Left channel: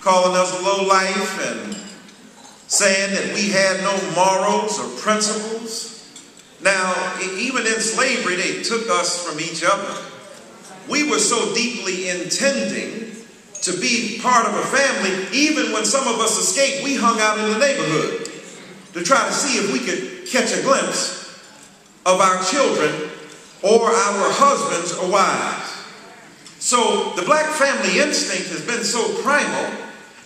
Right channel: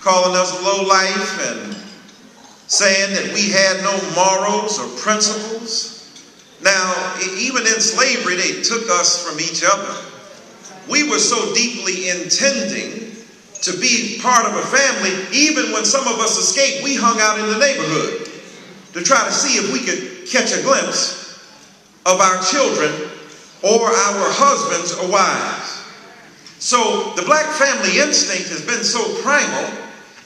calling us low life and saying that we had no morals or principles. Now, even in slavery, they took us from each other. We were so deeply intending to be part of a family, even when some of us escaped, we hung out in the neighborhood to try to see if we could catch a glimpse of our children or our husbands or wives. So the black family instinct has been so primal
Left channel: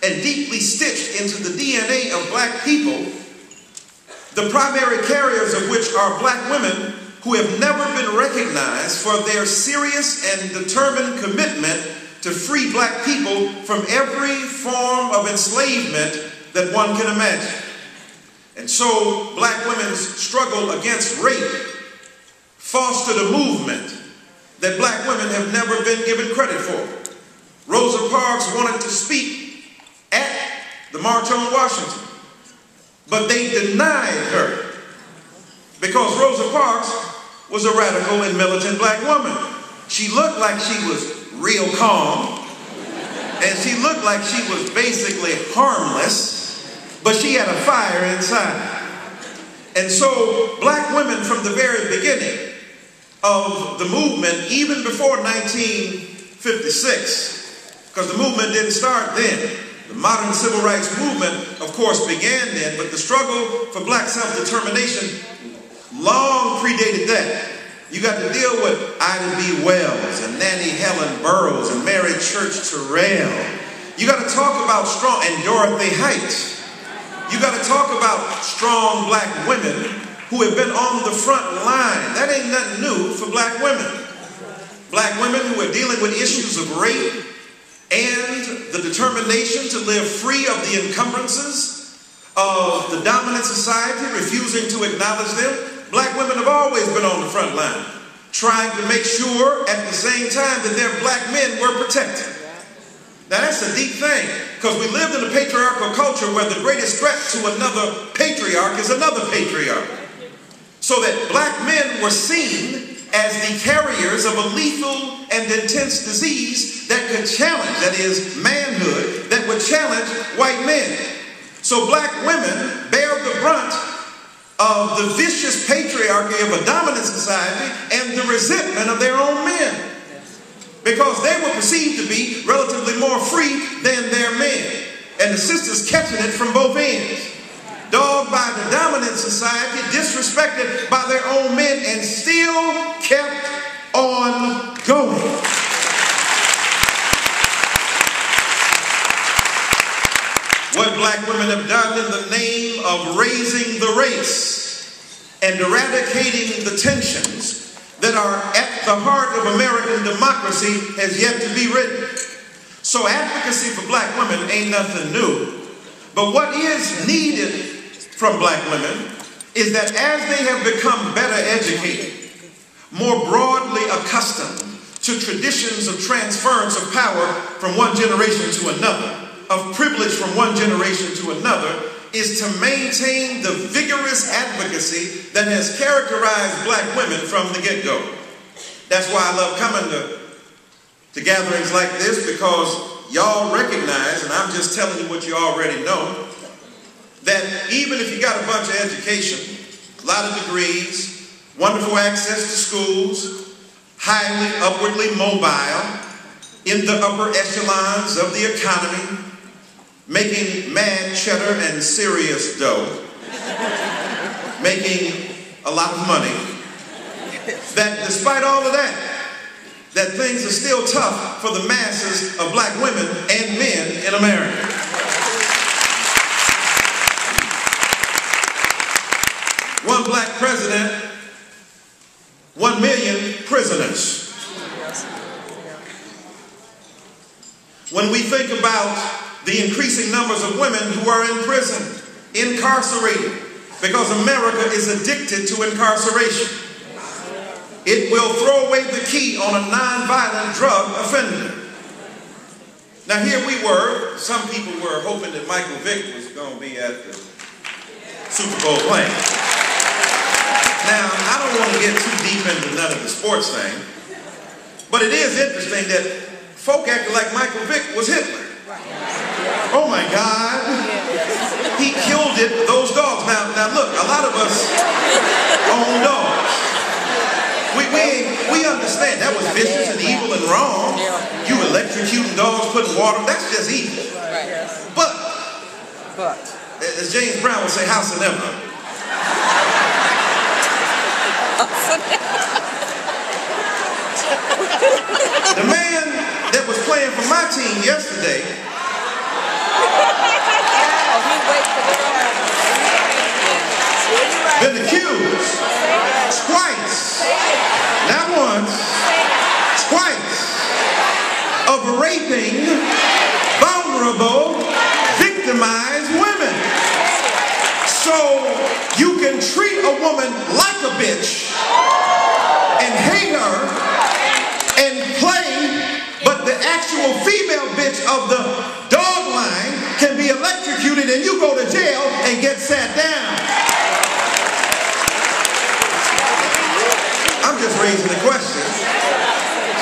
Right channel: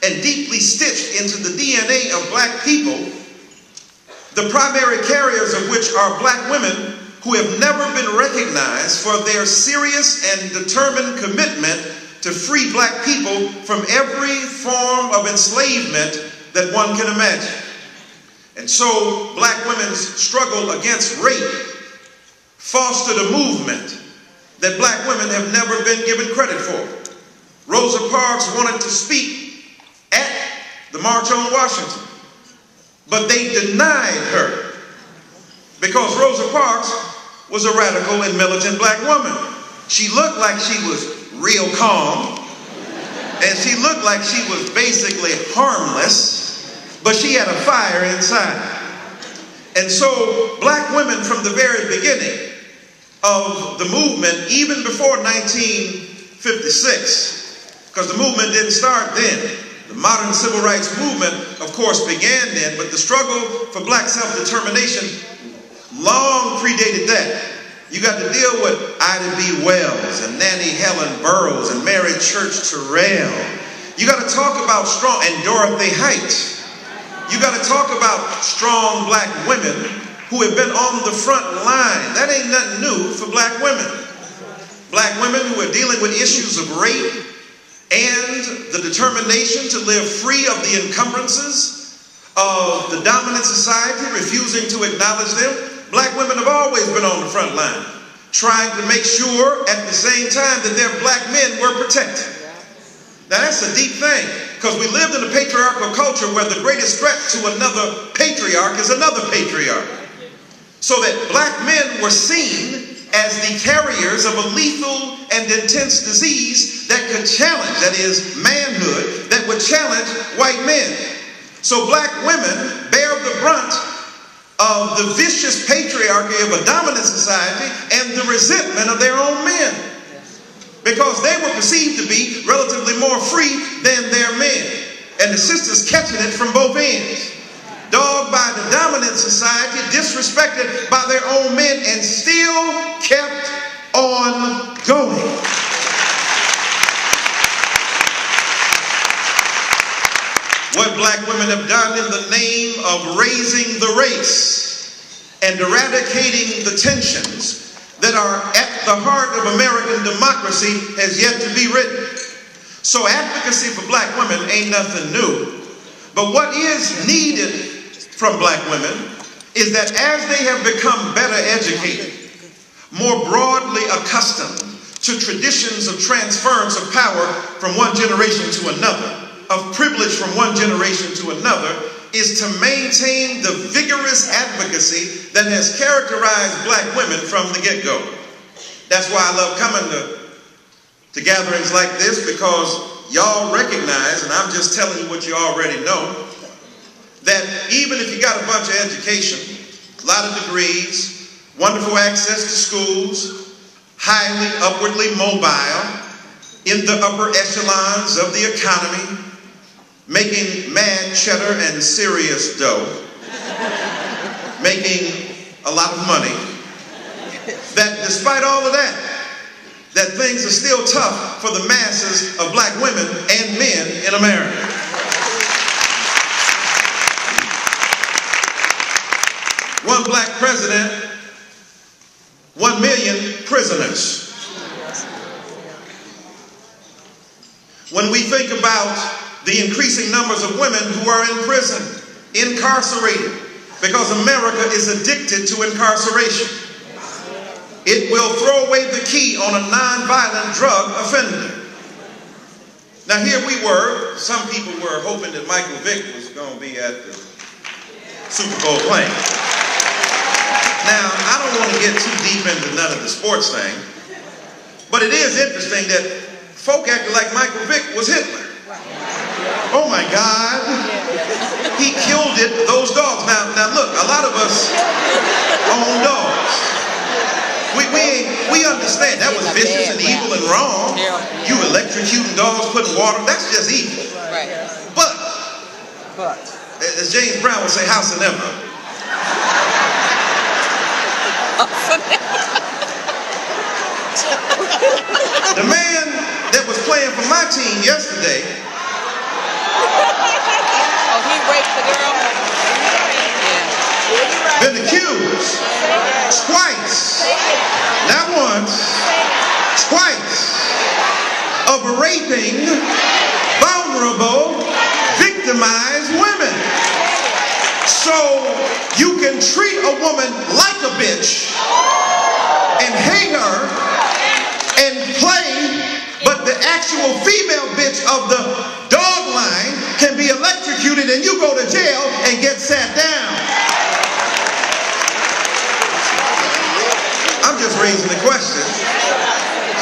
and deeply stitched into the DNA of black people, the primary carriers of which are black women who have never been recognized for their serious and determined commitment to free black people from every form of enslavement that one can imagine. And so black women's struggle against rape fostered a movement that black women have never been given credit for. Rosa Parks wanted to speak at the March on Washington, but they denied her because Rosa Parks was a radical and militant black woman. She looked like she was real calm, and she looked like she was basically harmless, but she had a fire inside. And so black women from the very beginning of the movement, even before 1956, because the movement didn't start then. The modern civil rights movement, of course, began then, but the struggle for black self-determination long predated that. You got to deal with Ida B. Wells and Nannie Helen Burroughs and Mary Church Terrell. You got to talk about strong, and Dorothy Height. You got to talk about strong black women who have been on the front line. That ain't nothing new for black women. Black women who are dealing with issues of rape and the determination to live free of the encumbrances of the dominant society, refusing to acknowledge them. Black women have always been on the front line, trying to make sure at the same time that their black men were protected. Now that's a deep thing, because we lived in a patriarchal culture where the greatest threat to another patriarch is another patriarch. So that black men were seen as the carriers of a lethal and intense disease that could challenge, that is, manhood, that would challenge white men. So black women bear the brunt of the vicious patriarchy of a dominant society and the resentment of their own men, because they were perceived to be relatively more free than their men, and the sisters catching it from both ends. Dogged by the dominant society, disrespected by their own men, and still kept on going. What black women have done in the name of raising the race and eradicating the tensions that are at the heart of American democracy has yet to be written. So advocacy for black women ain't nothing new. But what is needed from black women is that as they have become better educated, more broadly accustomed to traditions of transference of power from one generation to another, of privilege from one generation to another, is to maintain the vigorous advocacy that has characterized black women from the get-go. That's why I love coming to gatherings like this, because y'all recognize, and I'm just telling you what you already know, that even if you got a bunch of education, a lot of degrees, wonderful access to schools, highly upwardly mobile, in the upper echelons of the economy, making mad cheddar and serious dough, making a lot of money, that despite all of that, that things are still tough for the masses of black women and men in America. One black president, 1 million prisoners. When we think about the increasing numbers of women who are in prison, incarcerated, because America is addicted to incarceration, it will throw away the key on a nonviolent drug offender. Now here we were, some people were hoping that Michael Vick was going to be at the Super Bowl playing. Now, I don't want to get too deep into none of the sports thing, but it is interesting that folk acted like Michael Vick was Hitler. Oh my God. He killed those dogs. Now look, a lot of us own dogs. We understand that was vicious and evil and wrong. You electrocuting dogs, putting water, that's just evil. But as James Brown would say, house and ever. The man that was playing for my team yesterday been accused twice, not once, twice, of raping vulnerable, victimized women. So you can treat a woman like a bitch and hate her and play, but the actual female bitch of the dog line can be electrocuted and you go to jail and get sat down. I'm just raising the question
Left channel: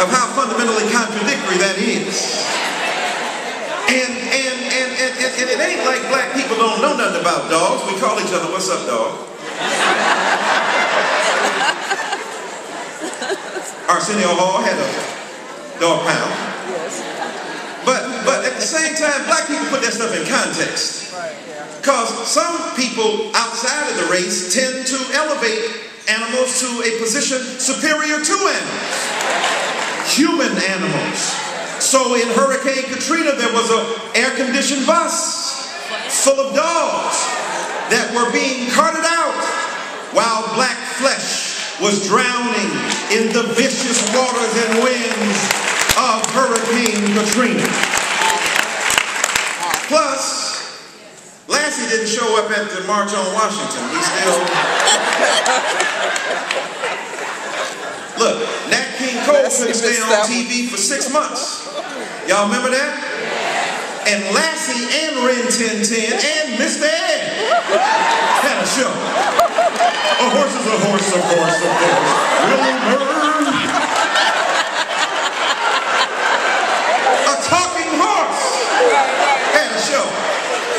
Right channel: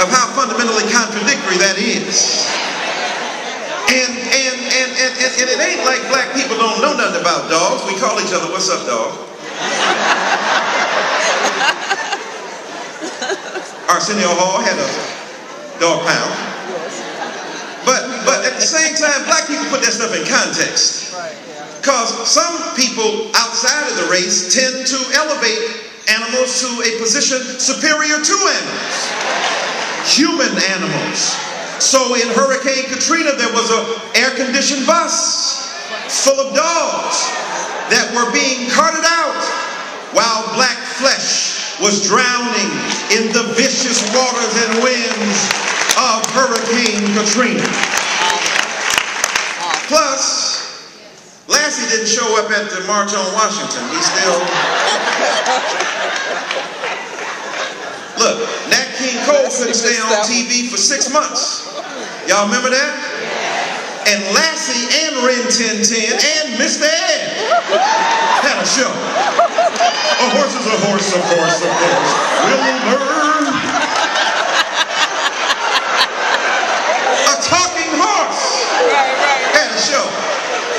of how fundamentally contradictory that is. And it ain't like black people don't know nothing about dogs. We call each other, what's up, dog? Arsenio Hall had a dog pound. But at the same time, black people put that stuff in context. Because some people outside of the race tend to elevate animals to a position superior to animals. Human animals. So in Hurricane Katrina, there was an air-conditioned bus full of dogs that were being carted out while black flesh was drowning in the vicious waters and winds of Hurricane Katrina. Plus, Lassie didn't show up at the March on Washington. He still... Look, Nat King Cole couldn't stay on TV for 6 months. Y'all remember that? And Lassie and Rin Tin Tin and Mr. Ed had a show. A horse is a horse, of course, of course. Will learn. A talking horse had a show.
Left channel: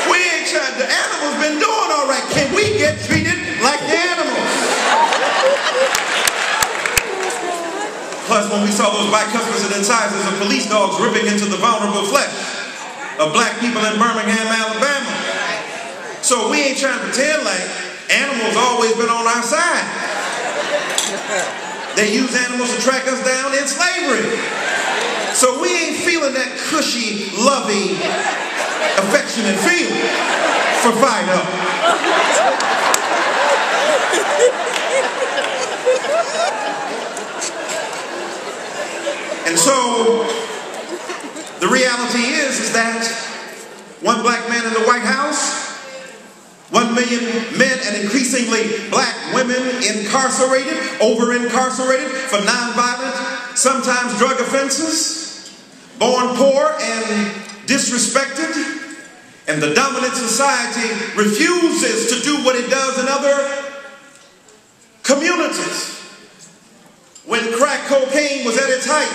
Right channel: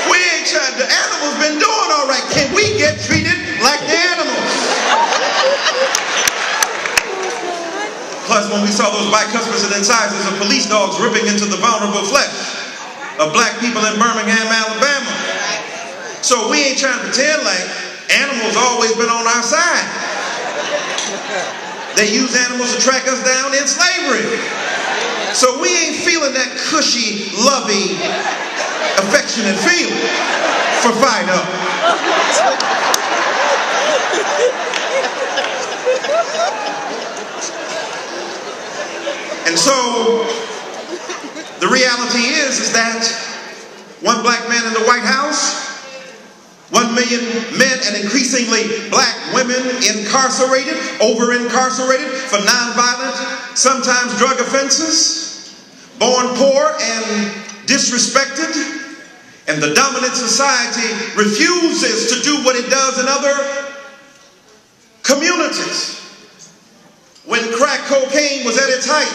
We ain't trying, the animals been doing all right. Can we get treated like the animals? Plus, when we saw those bicuspids and incisors of police dogs ripping into the vulnerable flesh of black people in Birmingham, Alabama. So we ain't trying to pretend like animals always been on our side. They use animals to track us down in slavery. So we ain't feeling that cushy, lovey, affectionate feeling for Fido. And so, the reality is that one black man in the White House, 1 million men and increasingly black women incarcerated, over-incarcerated for nonviolent, sometimes drug offenses, born poor and disrespected, and the dominant society refuses to do what it does in other communities. When crack cocaine was at its height,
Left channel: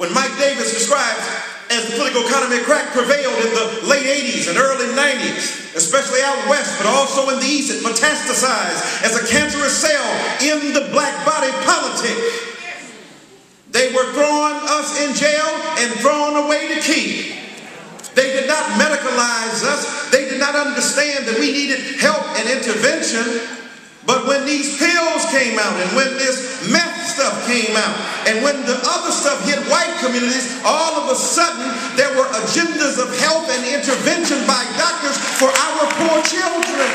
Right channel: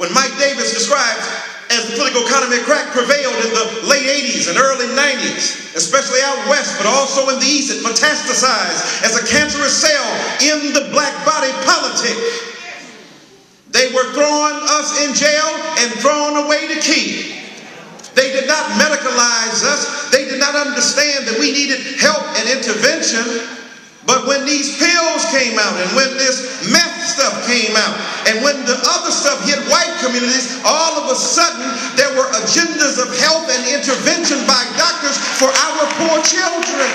when Mike Davis describes as the political economy of crack prevailed in the late 80s and early 90s, especially out west, but also in the east, it metastasized as a cancerous cell in the black body politic. They were throwing us in jail and throwing away the key. They did not medicalize us. They did not understand that we needed help and intervention. But when these pills came out and when this meth stuff came out and when the other stuff hit white communities, all of a sudden there were agendas of health and intervention by doctors for our poor children.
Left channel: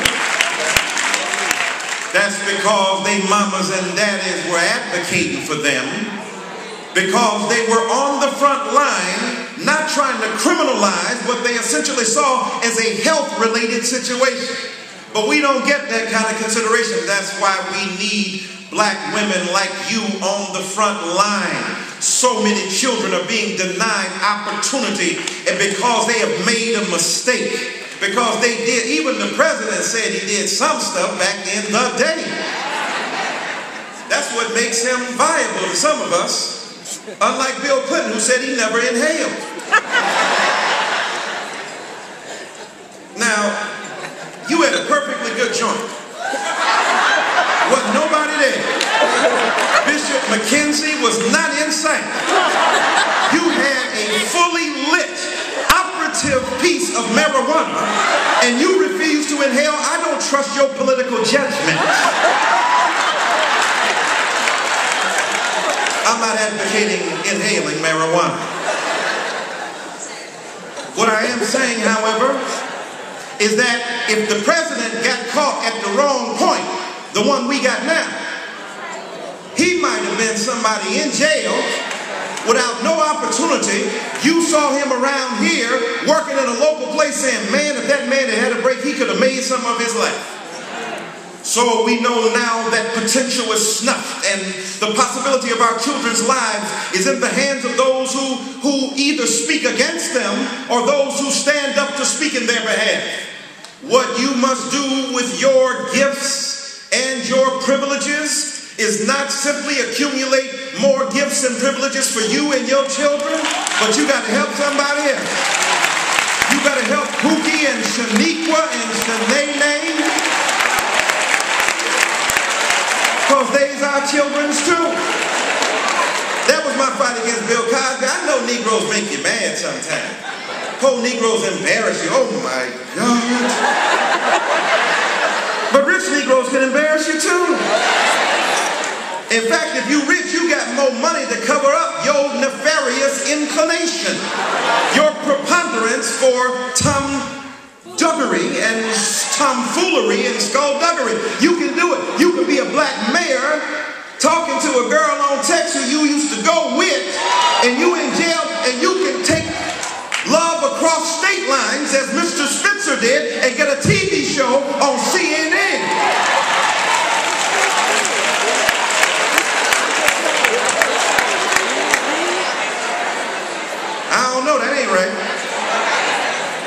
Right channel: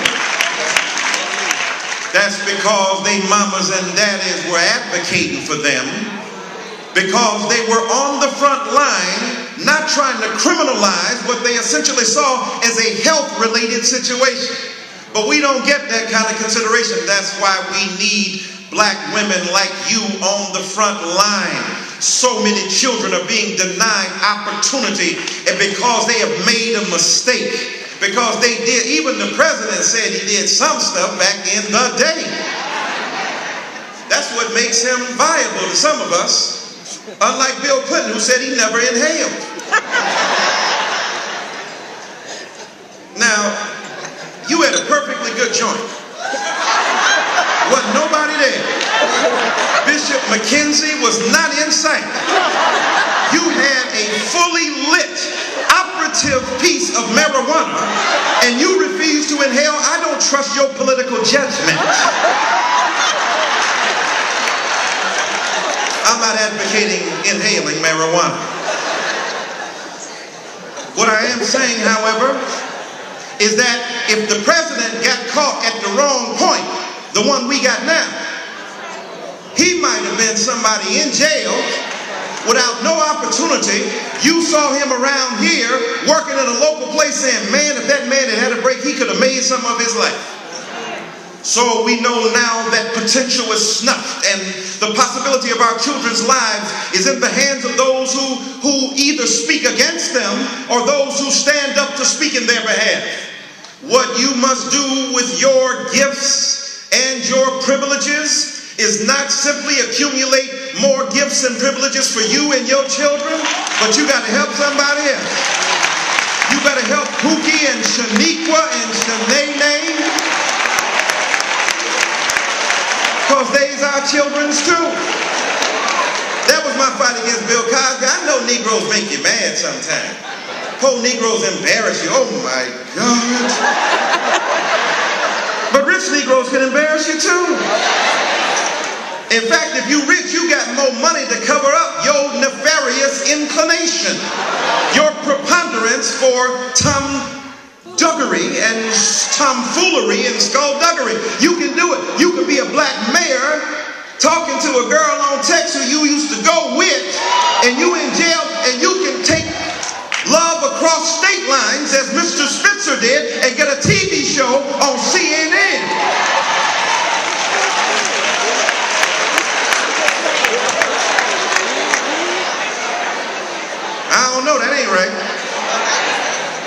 That's because they mamas and daddies were advocating for them, because they were on the front line, not trying to criminalize what they essentially saw as a health-related situation. But we don't get that kind of consideration. That's why we need black women like you on the front line. So many children are being denied opportunity and because they have made a mistake. Because they did, even the president said he did some stuff back in the day. That's what makes him viable to some of us. Unlike Bill Clinton, who said he never inhaled. joint. Wasn't nobody there. Bishop McKenzie was not in sight. You had a fully lit, operative piece of marijuana, and you refuse to inhale. I don't trust your political judgment. I'm not advocating inhaling marijuana. What I am saying, however, is that if the president got caught at the wrong point, the one we got now, he might have been somebody in jail without no opportunity. You saw him around here working in a local place saying, man, if that man had had a break, he could have made some of his life. So we know now that potential is snuffed, and the possibility of our children's lives is in the hands of those who either speak against them or those who stand up to speak in their behalf. What you must do with your gifts and your privileges is not simply accumulate more gifts and privileges for you and your children, but you got to help somebody else. You got to help Pookie and Shaniqua and Shanae, because they's our children's too. That was my fight against Bill Cosby. I know Negroes make you mad sometimes. Poor Negroes embarrass you. Oh my God. But rich Negroes can embarrass you too. In fact, if you rich, you got more money to cover up your nefarious inclination, your preponderance for tomduggery and tomfoolery and skullduggery. You can do it. You can be a black mayor talking to a girl on text who you used to go with, and you in jail, and you can take love across state lines as Mr. Spitzer did and get a TV show on CNN. I don't know, that ain't right.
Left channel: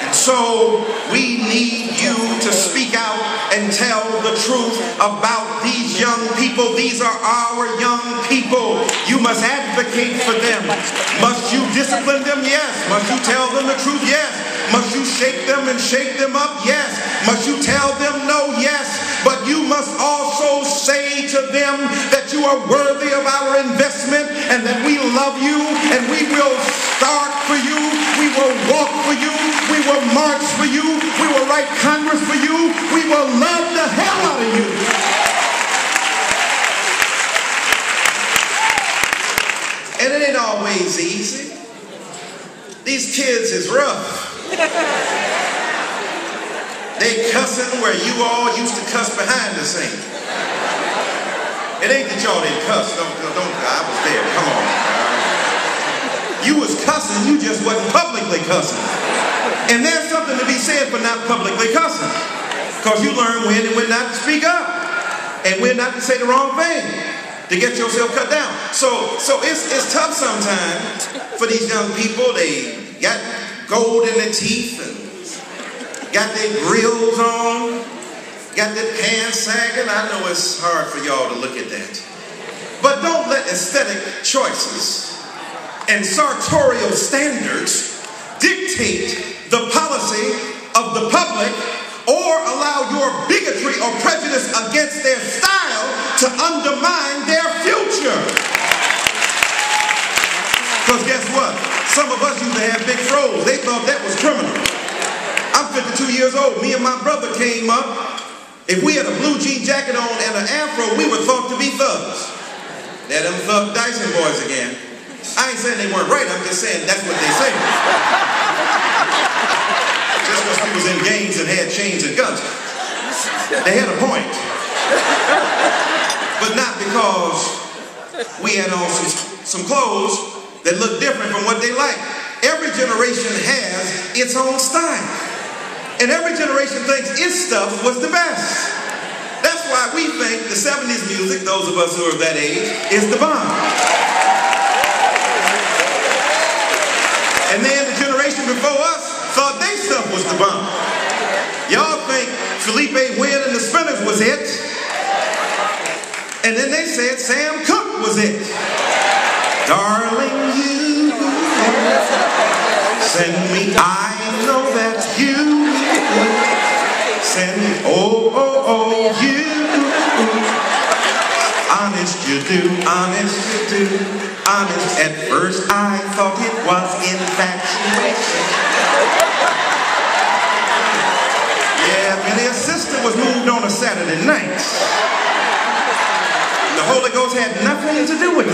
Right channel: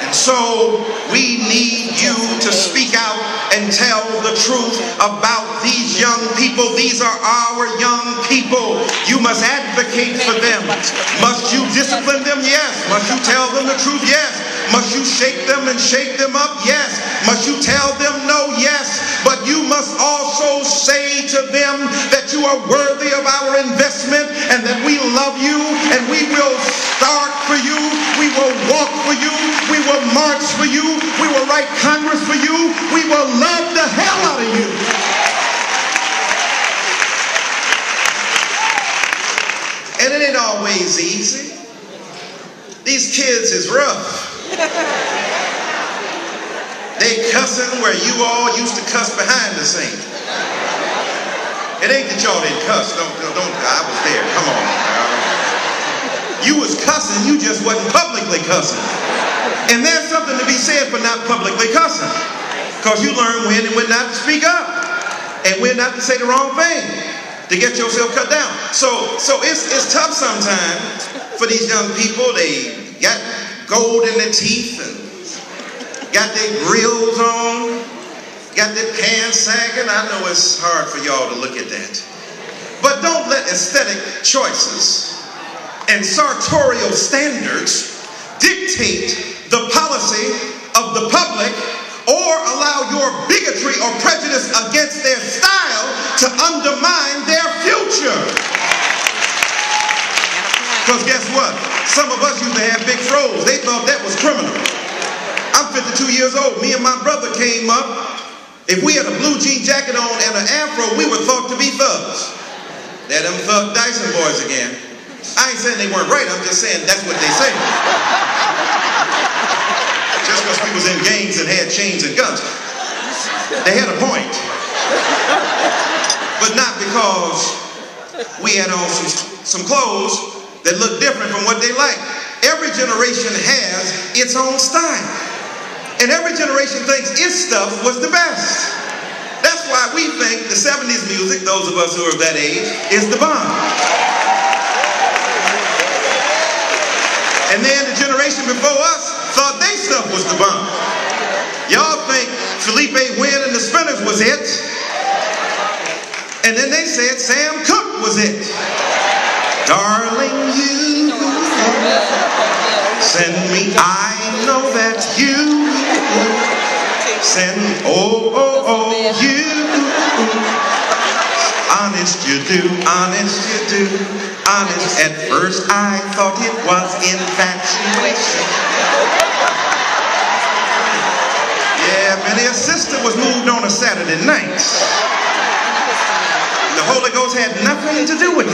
And so we need you to speak out and tell the truth about these young people. These are our young people. You must advocate for them. Must you discipline them? Yes. Must you tell them the truth? Yes. Must you shake them and shake them up? Yes. Must you tell them no? Yes. But you must also say to them that you are worthy of our investment and that we love you and we will start for you. We will walk for you. We will march for you. We will write Congress for you. We will love the hell out of you. And it ain't always easy. These kids is rough. They cussing where you all used to cuss behind the scenes. It ain't that y'all didn't cuss. Don't, I was there. Come on. You was cussing, you just wasn't publicly cussing. And there's something to be said for not publicly cussing. Because you learn when and when not to speak up. And when not to say the wrong thing to get yourself cut down. So it's tough sometimes for these young people. They got gold in their teeth and got their grills on, got their pants sagging. I know it's hard for y'all to look at that. But don't let aesthetic choices and sartorial standards dictate the policy of the public or allow your bigotry or prejudice against their style to undermine their future. Because guess what? Some of us used to have big froze. They thought that was criminal. I'm 52 years old. Me and my brother came up. If we had a blue jean jacket on and an afro, we were thought to be thugs. They're them thug Dyson boys again. I ain't saying they weren't right. I'm just saying that's what they say. Just because we was in gangs and had chains and guns. They had a point. But not because we had on some clothes that look different from what they like. Every generation has its own style. And every generation thinks its stuff was the best. That's why we think the 70s music, those of us who are of that age, is the bomb. And then the generation before us thought their stuff was the bomb. Y'all think Felipe Wynn and the Spinners was it. And then they said Sam Cooke was it. Darling, you send me, I know that you and oh, oh, oh, you. Honest you do, honest you do, honest. At first I thought it was infatuation. Yeah, many a sister was moved on a Saturday night. The Holy Ghost had nothing to do with